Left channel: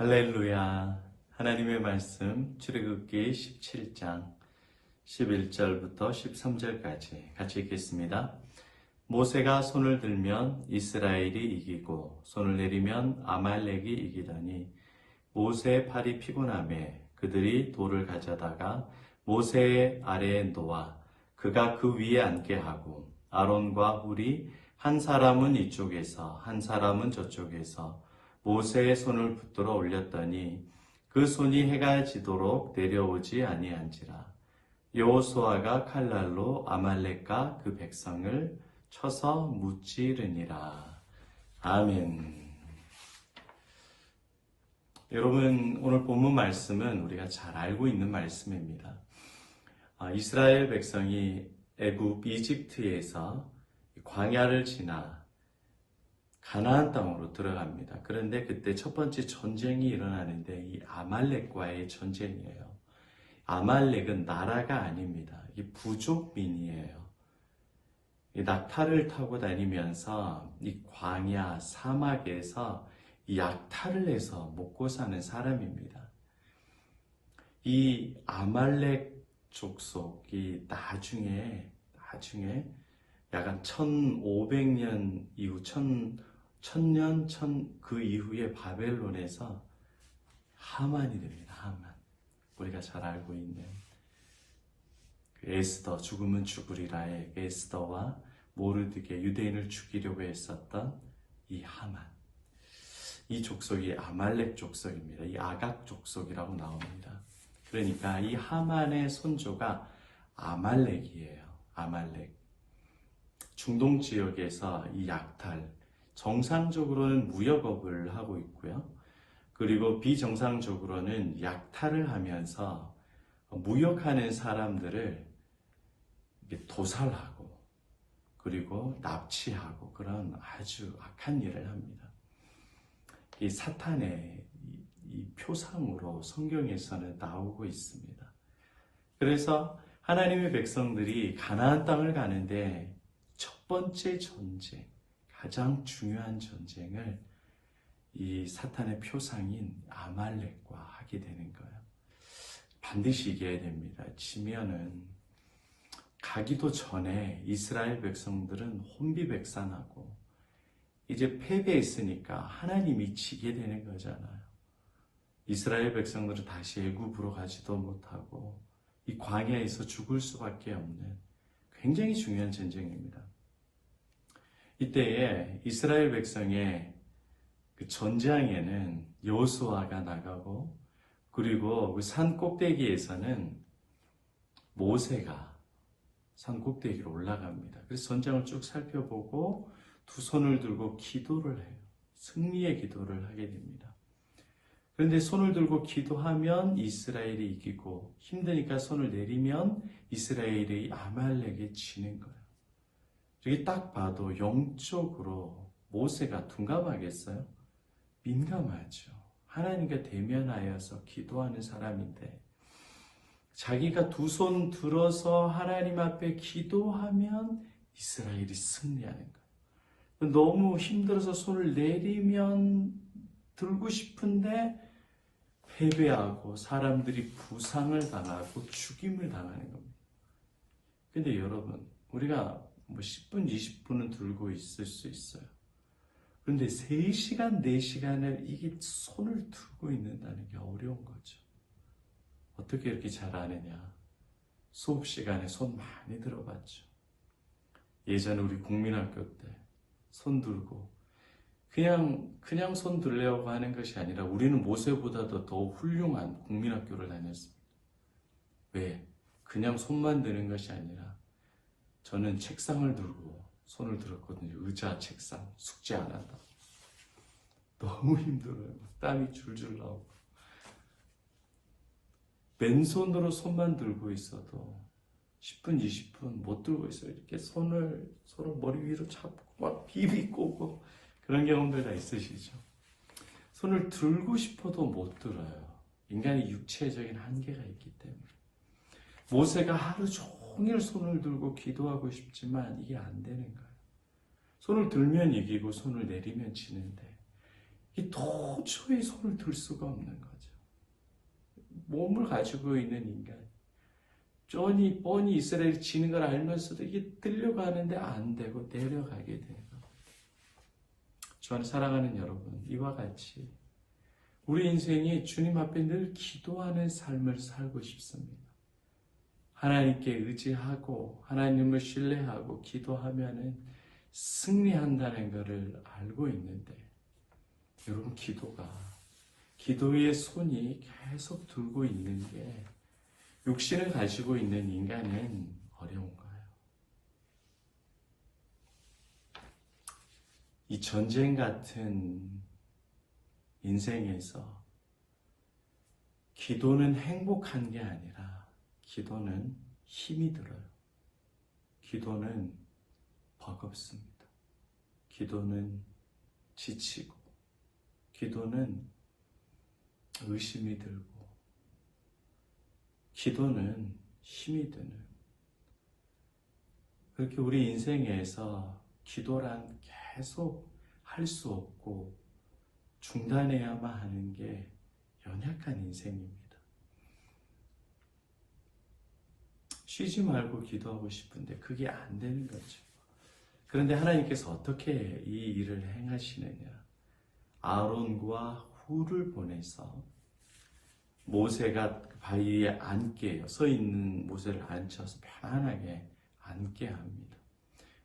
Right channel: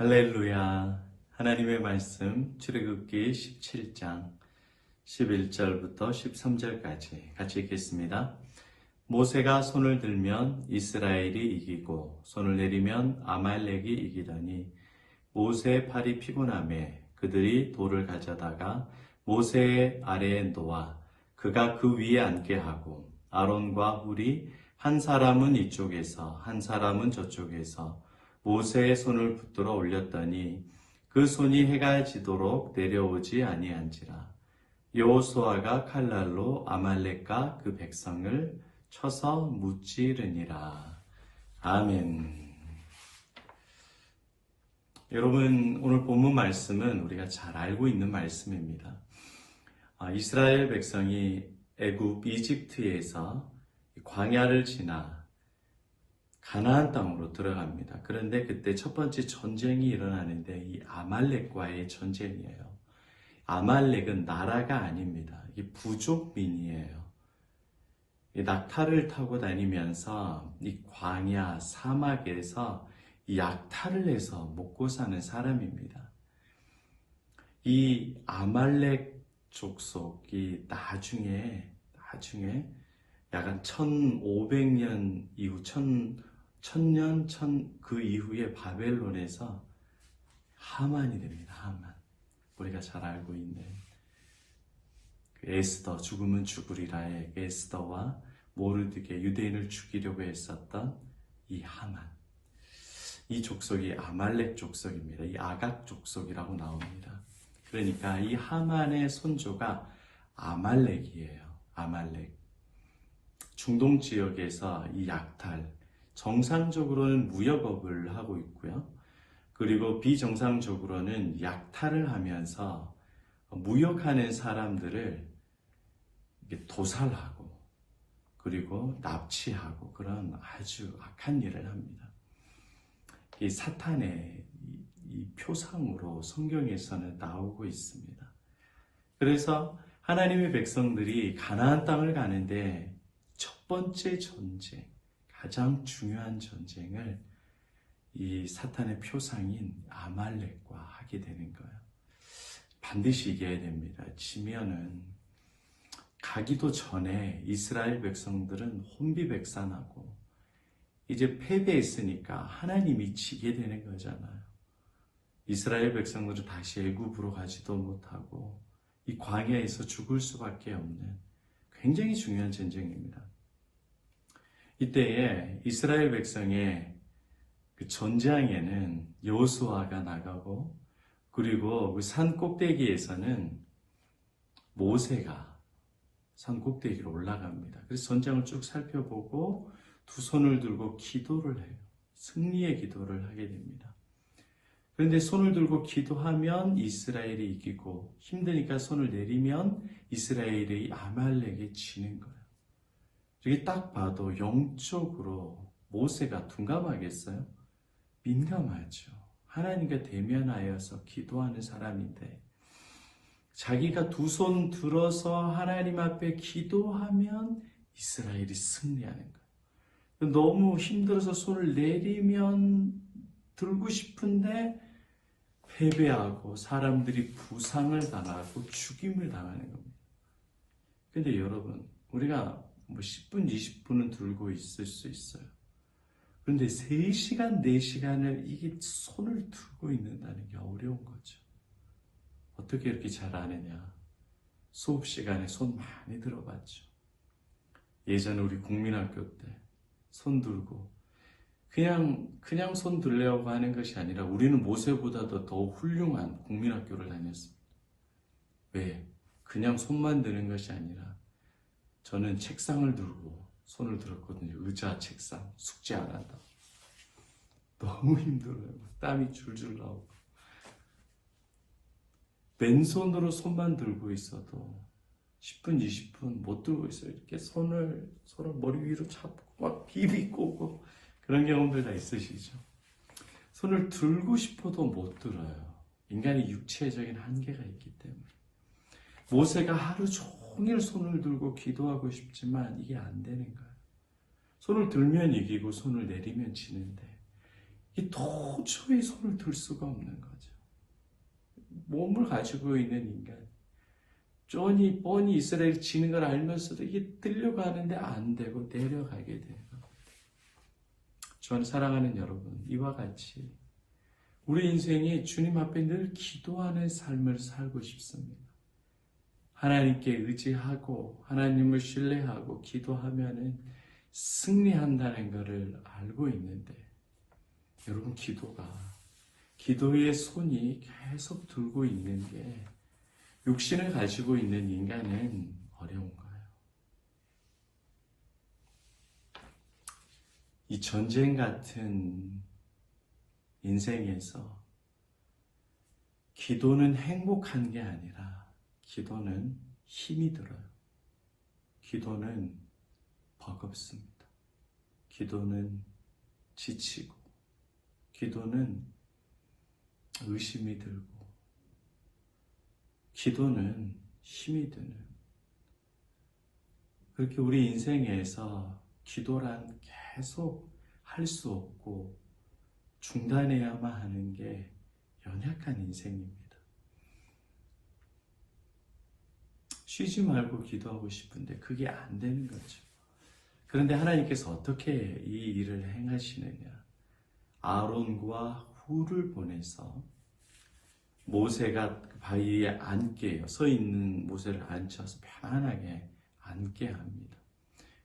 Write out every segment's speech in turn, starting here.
할렐루야. 하나님의 말씀 출애굽기 17장 11절부터 13절까지 같이 읽겠습니다. 모세가 손을 들면 이스라엘이 이기고 손을 내리면 아말렉이 이기더니 모세의 팔이 피곤하매 그들이 돌을 가져다가 모세의 아래에 놓아 그가 그 위에 앉게 하고 아론과 훌이 한 사람은 이쪽에서 한 사람은 저쪽에서 모세의 손을 붙들어 올렸더니 그 손이 해가 지도록 내려오지 아니한지라. 여호수아가 칼날로 아말렉과 그 백성을 쳐서 무찌르니라. 아멘. 여러분, 오늘 본문 말씀은 우리가 잘 알고 있는 말씀입니다. 이스라엘 백성이 애굽 이집트에서 광야를 지나 가나안 땅으로 들어갑니다. 그런데 그때 첫 번째 전쟁이 일어나는데 이 아말렉과의 전쟁이에요. 아말렉은 나라가 아닙니다. 이 부족민이에요. 이 낙타를 타고 다니면서 이 광야 사막에서 이 약탈을 해서 먹고 사는 사람입니다. 이 아말렉 족속이 나중에 약간 1500년 이후 1000년 그 이후에 바벨론에서 하만이 됩니다. 하만. 우리가 잘 알고 있는 그 에스더 죽으면 죽으리라의 에스더와 모르드게 유대인을 죽이려고 했었던 이 하만. 이 족속이 아말렉 족속입니다. 이 아각 족속이라고 나옵니다. 그러니까 이 하만의 손조가 아말렉이에요. 아말렉. 중동 지역에서 이 약탈, 정상적으로는 무역업을 하고 있고요. 그리고 비정상적으로는 약탈을 하면서 무역하는 사람들을 도살하고 그리고 납치하고 그런 아주 악한 일을 합니다. 이 사탄의 이 표상으로 성경에서는 나오고 있습니다. 그래서 하나님의 백성들이 가나안 땅을 가는데 첫 번째 전쟁, 가장 중요한 전쟁을 이 사탄의 표상인 아말렉과 하게 되는 거예요. 반드시 이겨야 됩니다. 지면은 가기도 전에 이스라엘 백성들은 혼비백산하고 이제 패배했으니까 하나님이 지게 되는 거잖아요. 이스라엘 백성들은 다시 애굽으로 가지도 못하고 이 광야에서 죽을 수밖에 없는 굉장히 중요한 전쟁입니다. 이때에 이스라엘 백성의 그 전장에는 여호수아가 나가고 그리고 그 산 꼭대기에서는 모세가 산 꼭대기로 올라갑니다. 그래서 전장을 쭉 살펴보고 두 손을 들고 기도를 해요. 승리의 기도를 하게 됩니다. 그런데 손을 들고 기도하면 이스라엘이 이기고 힘드니까 손을 내리면 이스라엘이 아말렉에 지는 거예요. 이게 딱 봐도 영적으로 모세가 둔감하겠어요? 민감하죠. 하나님과 대면하여서 기도하는 사람인데 자기가 두 손 들어서 하나님 앞에 기도하면 이스라엘이 승리하는 거예요. 너무 힘들어서 손을 내리면 들고 싶은데 패배하고 사람들이 부상을 당하고 죽임을 당하는 겁니다. 근데 여러분, 우리가 10분, 20분은 들고 있을 수 있어요. 그런데 3시간, 4시간을 이게 손을 들고 있는다는 게 어려운 거죠. 어떻게 이렇게 잘하느냐? 수업 시간에 손 많이 들어봤죠. 예전에 우리 국민학교 때 손 들고 그냥 손 들려고 하는 것이 아니라 우리는 모세보다도 더 훌륭한 국민학교를 다녔습니다. 왜? 그냥 손만 드는 것이 아니라 저는 책상을 들고 손을 들었거든요. 의자, 책상, 숙제 안 한다. 너무 힘들어요. 땀이 줄줄 나오고. 맨손으로 손만 들고 있어도 10분, 20분 못 들고 있어요. 이렇게 손을 서로 머리 위로 잡고 막 비비꼬고 그런 경험들 다 있으시죠? 손을 들고 싶어도 못 들어요. 인간이 육체적인 한계가 있기 때문에. 모세가 하루 종일 손을 들고 기도하고 싶지만 이게 안 되는 거예요. 손을 들면 이기고 손을 내리면 지는데 도저히 손을 들 수가 없는 거죠. 몸을 가지고 있는 인간. 뻔히 이스라엘이 지는 걸 알면서도 이게 들려고 하는데 안 되고 내려가게 돼요. 저는 사랑하는 여러분, 이와 같이 우리 인생이 주님 앞에 늘 기도하는 삶을 살고 싶습니다. 하나님께 의지하고 하나님을 신뢰하고 기도하면은 승리한다는 것을 알고 있는데 여러분 기도의 손이 계속 들고 있는 게 육신을 가지고 있는 인간은 어려운 거예요. 이 전쟁 같은 인생에서 기도는 행복한 게 아니라 기도는 힘이 들어요. 기도는 버겁습니다. 기도는 지치고 기도는 의심이 들고 기도는 힘이 드는 그렇게 우리 인생에서 기도란 계속 할 수 없고 중단해야만 하는 게 연약한 인생입니다. 쉬지 말고 기도하고 싶은데 그게 안 되는 거죠. 그런데 하나님께서 어떻게 이 일을 행하시느냐. 아론과 훌을 보내서 모세가 바위에 앉게 서 있는 모세를 앉혀서 편안하게 앉게 합니다.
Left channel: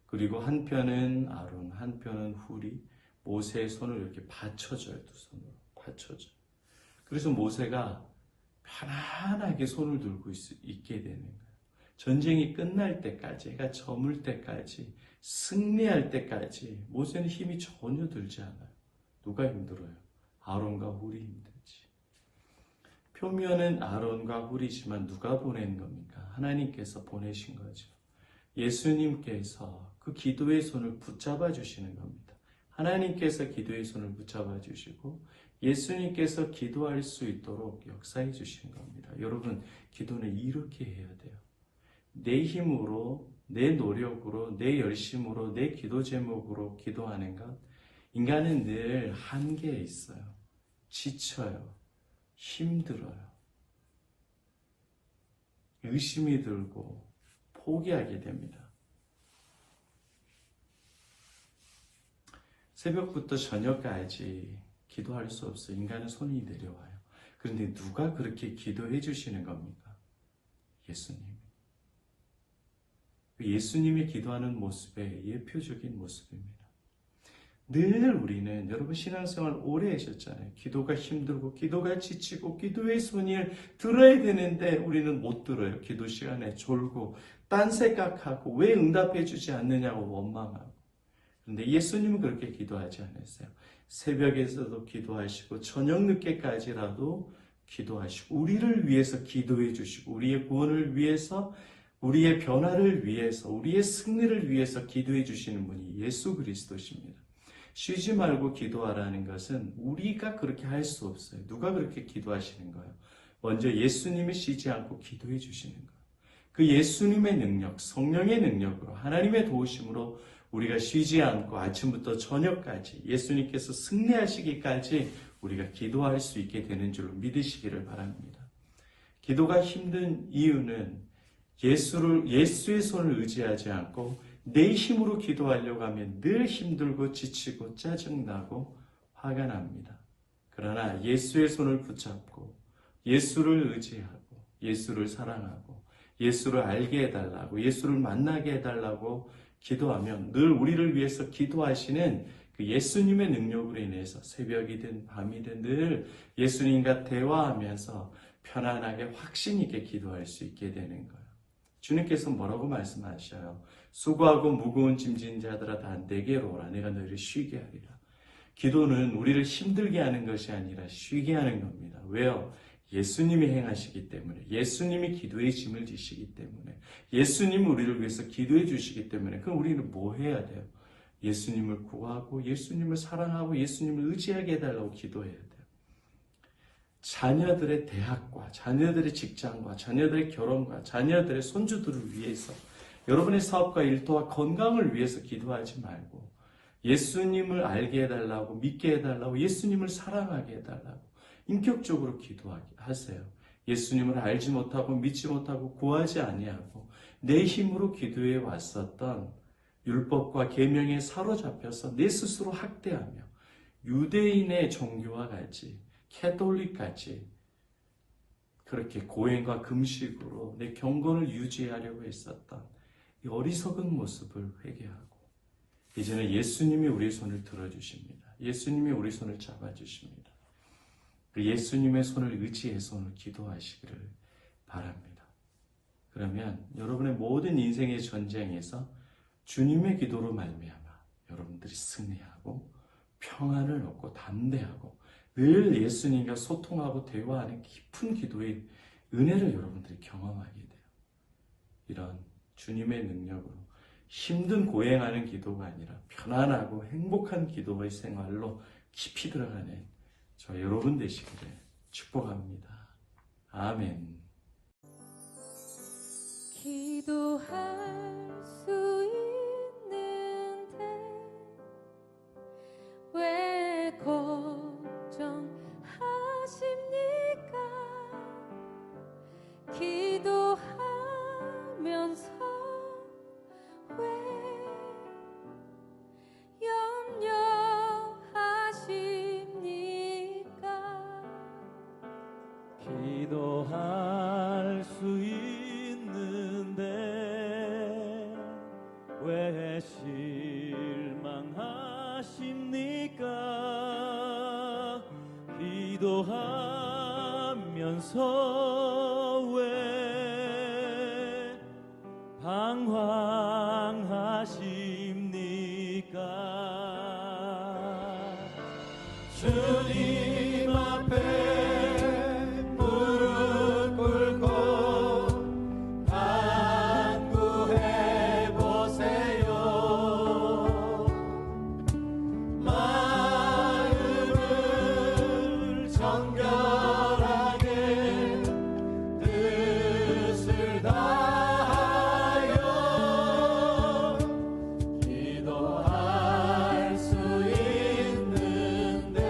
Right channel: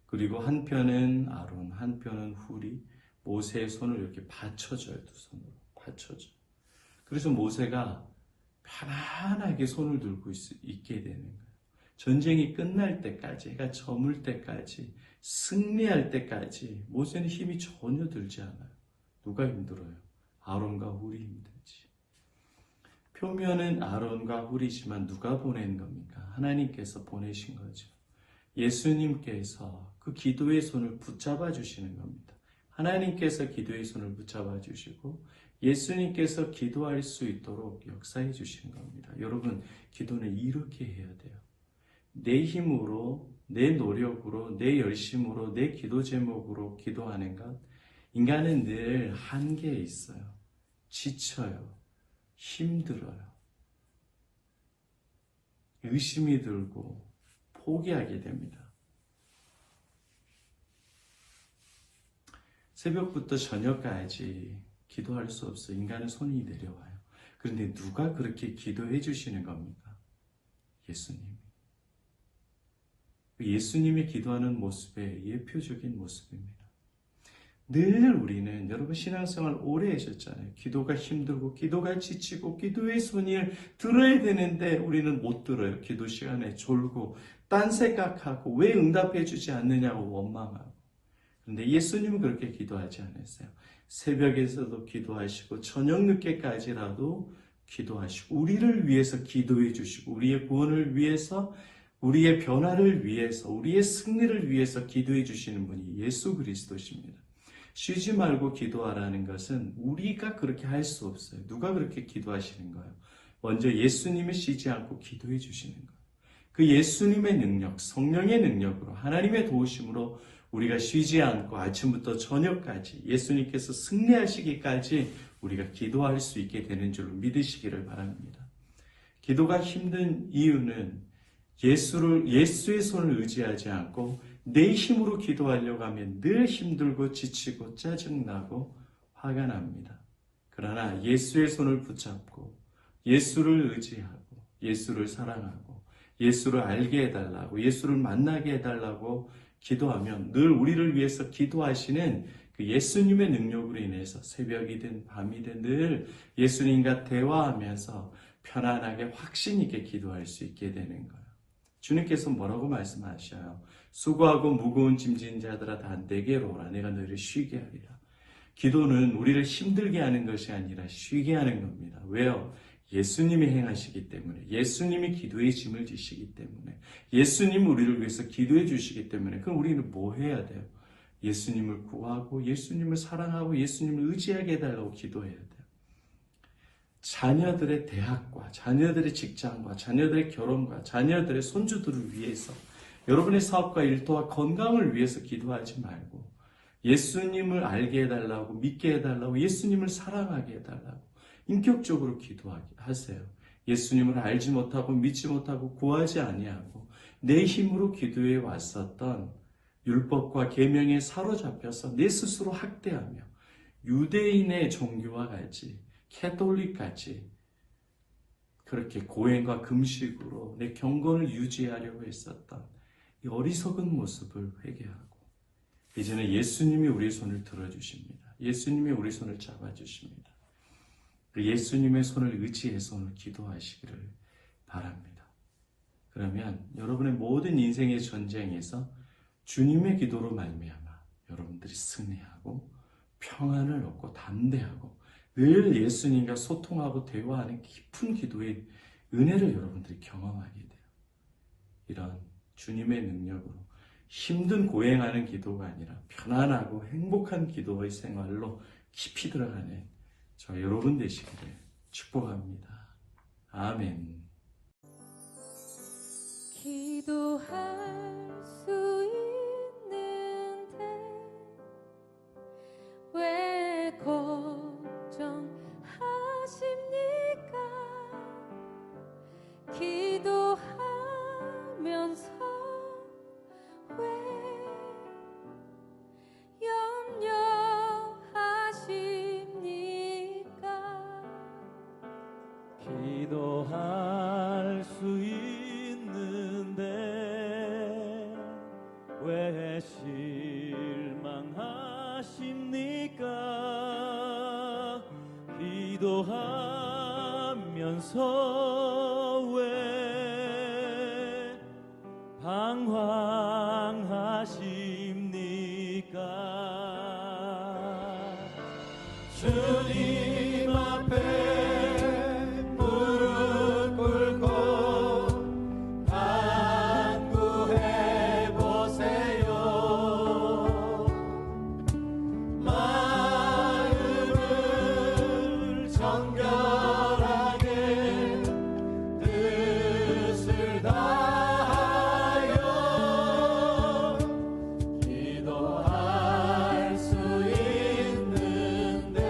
그리고 한편은 아론, 한편은 훌이 모세의 손을 이렇게 받쳐줘요. 두 손으로 받쳐줘요. 그래서 모세가 편안하게 손을 들고 있게 되는 거예요. 전쟁이 끝날 때까지, 해가 저물 때까지, 승리할 때까지 모세는 힘이 전혀 들지 않아요. 누가 힘들어요? 아론과 훌이 힘들지. 표면은 아론과 훌이지만 누가 보낸 겁니까? 하나님께서 보내신 거죠. 예수님께서 그 기도의 손을 붙잡아 주시는 겁니다. 하나님께서 기도의 손을 붙잡아 주시고 예수님께서 기도할 수 있도록 역사해 주신 겁니다. 여러분, 기도는 이렇게 해야 돼요. 내 힘으로, 내 노력으로, 내 열심으로, 내 기도 제목으로 기도하는 것, 인간은 늘 한계에 있어요. 지쳐요. 힘들어요. 의심이 들고 포기하게 됩니다. 새벽부터 저녁까지 기도할 수 없어요. 인간은 손이 내려와요. 그런데 누가 그렇게 기도해 주시는 겁니까? 예수님. 예수님이 기도하는 모습의 예표적인 모습입니다. 늘 우리는 여러분 신앙생활 오래 하셨잖아요. 기도가 힘들고 기도가 지치고 기도의 손을 들어야 되는데 우리는 못 들어요. 기도 시간에 졸고 딴 생각하고 왜 응답해 주지 않느냐고 원망하고. 그런데 예수님은 그렇게 기도하지 않았어요. 새벽에서도 기도하시고 저녁 늦게까지라도 기도하시고 우리를 위해서 기도해 주시고 우리의 구원을 위해서 우리의 변화를 위해서 우리의 승리를 위해서 기도해 주시는 분이 예수 그리스도십니다. 쉬지 말고 기도하라는 것은 우리가 그렇게 할 수 없어요. 누가 그렇게 기도하시는 거예요? 먼저 예수님이 쉬지 않고 기도해 주시는 거예요. 그 예수님의 능력, 성령의 능력으로 하나님의 도우심으로 우리가 쉬지 않고 아침부터 저녁까지 예수님께서 승리하시기까지 우리가 기도할 수 있게 되는 줄로 믿으시기를 바랍니다. 기도가 힘든 이유는 예수의 손을 의지하지 않고 내 힘으로 기도하려고 하면 늘 힘들고 지치고 짜증나고 화가 납니다. 그러나 예수의 손을 붙잡고 예수를 의지하고 예수를 사랑하고 예수를 알게 해달라고 예수를 만나게 해달라고 기도하면 늘 우리를 위해서 기도하시는 그 예수님의 능력으로 인해서 새벽이든 밤이든 늘 예수님과 대화하면서 편안하게 확신 있게 기도할 수 있게 되는 거예요. 주님께서 뭐라고 말씀하셔요? 수고하고 무거운 짐진 자들아 다 내게로 오라. 내가 너희를 쉬게 하리라. 기도는 우리를 힘들게 하는 것이 아니라 쉬게 하는 겁니다. 왜요? 예수님이 행하시기 때문에, 예수님이 기도의 짐을 지시기 때문에, 예수님이 우리를 위해서 기도해 주시기 때문에, 그럼 우리는 뭐 해야 돼요? 예수님을 구하고 예수님을 사랑하고 예수님을 의지하게 해달라고 기도해야 돼요. 자녀들의 대학과 자녀들의 직장과 자녀들의 결혼과 자녀들의 손주들을 위해서 여러분의 사업과 일터와 건강을 위해서 기도하지 말고 예수님을 알게 해달라고, 믿게 해달라고, 예수님을 사랑하게 해달라고 인격적으로 기도하세요. 예수님을 알지 못하고 믿지 못하고 구하지 아니하고 내 힘으로 기도해 왔었던 율법과 계명에 사로잡혀서 내 스스로 학대하며 유대인의 종교와 같이 캐톨릭같이 그렇게 고행과 금식으로 내 경건을 유지하려고 했었던 이 어리석은 모습을 회개하고 이제는 예수님이 우리의 손을 들어주십니다. 예수님이 우리 손을 잡아주십니다. 예수님의 손을 의지해서 오늘 기도하시기를 바랍니다. 그러면 여러분의 모든 인생의 전쟁에서 주님의 기도로 말미암아 여러분들이 승리하고 평안을 얻고 담대하고 늘 예수님과 소통하고 대화하는 깊은 기도의 은혜를 여러분들이 경험하게 돼요. 이런 주님의 능력으로 힘든 고행하는 기도가 아니라 편안하고 행복한 기도의 생활로 깊이 들어가는 저 여러분 되시기를 축복합니다. 아멘. 기도할 수 있는데 왜 걱정하십니까? 기도하면서 왜 염려하십니까? 기도할 수 있는데 왜 실망하십니까? 기도하면서 왜 방황하십니까? 주님 앞에 무릎 꿇고 간구해 보세요. 마음을 정결하게 뜻을 다하여 기도할 수 있는데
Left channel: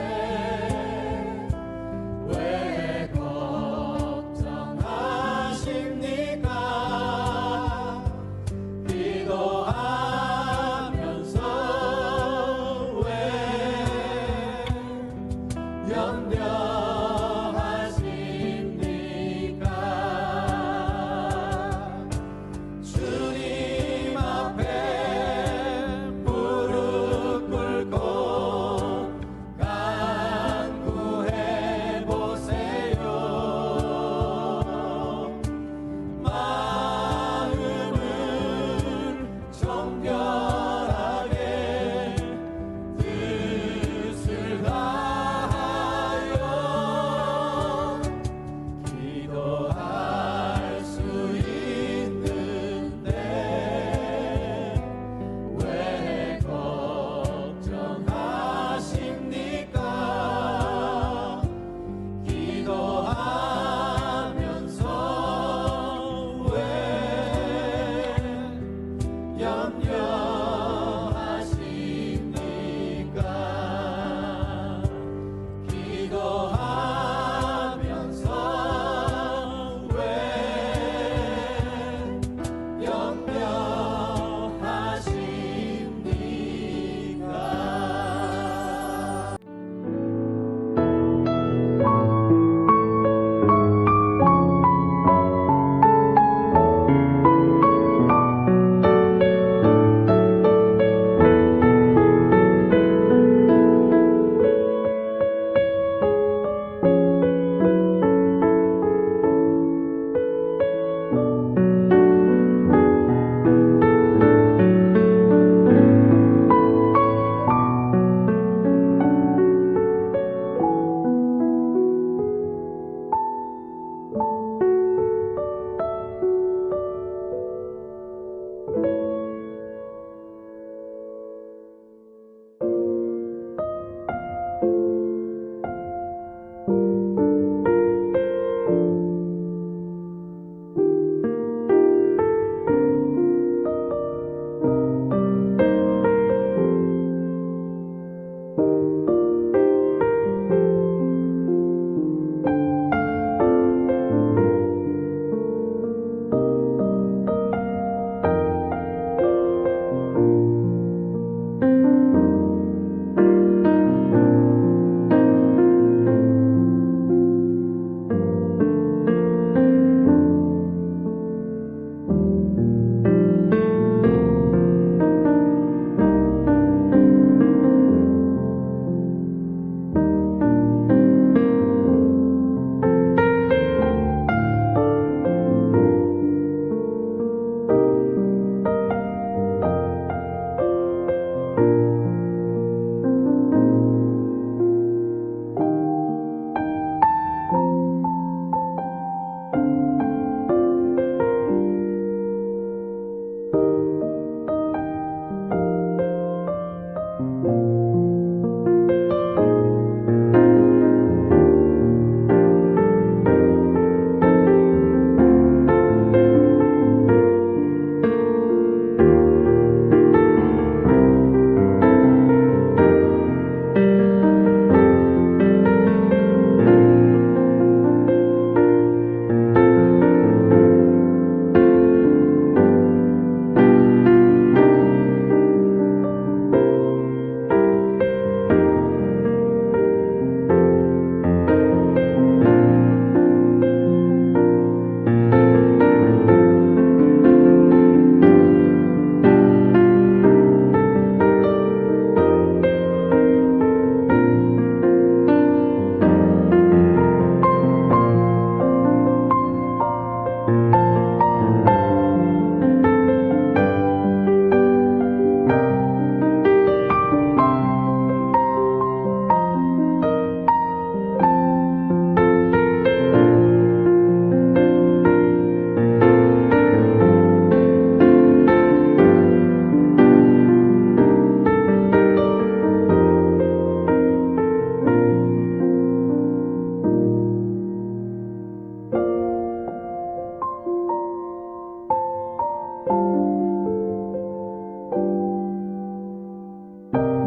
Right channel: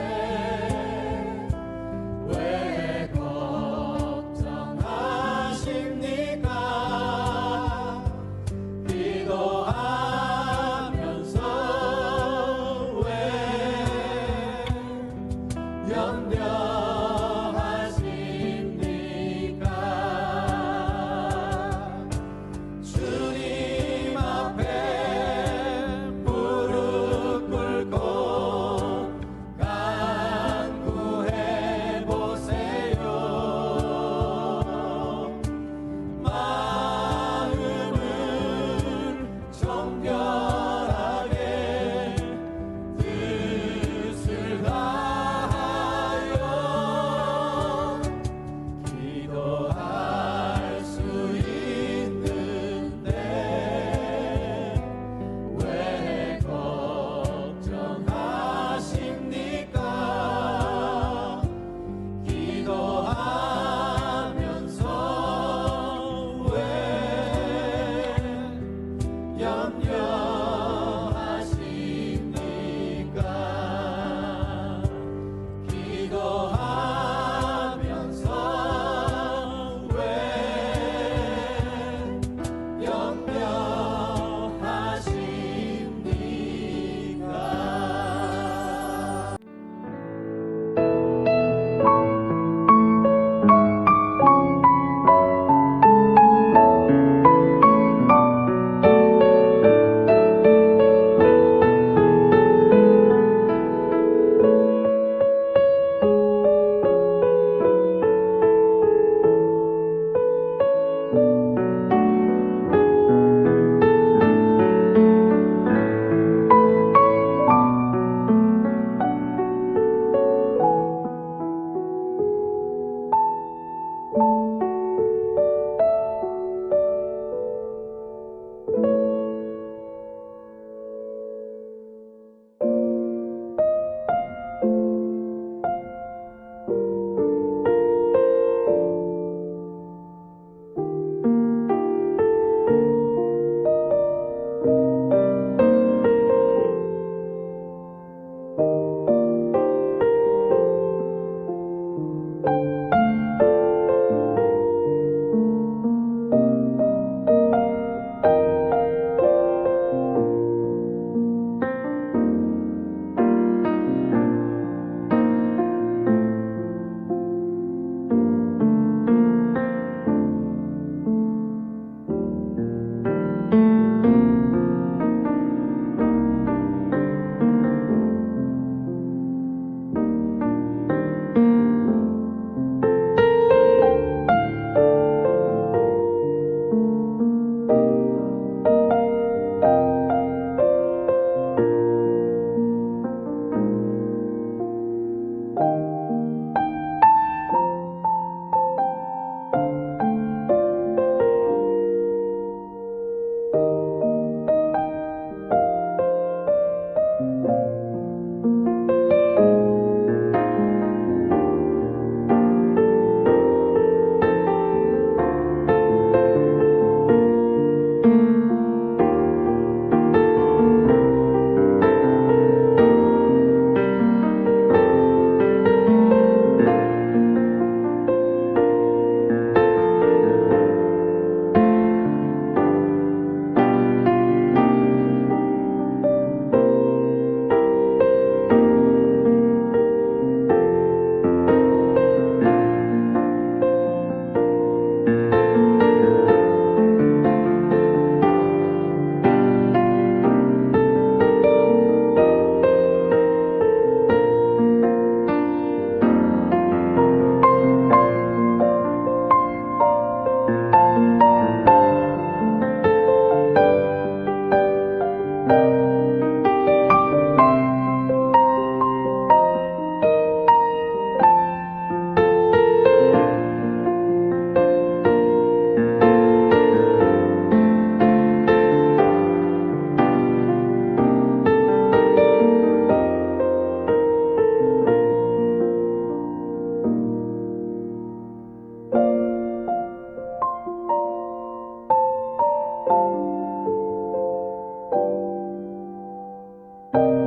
주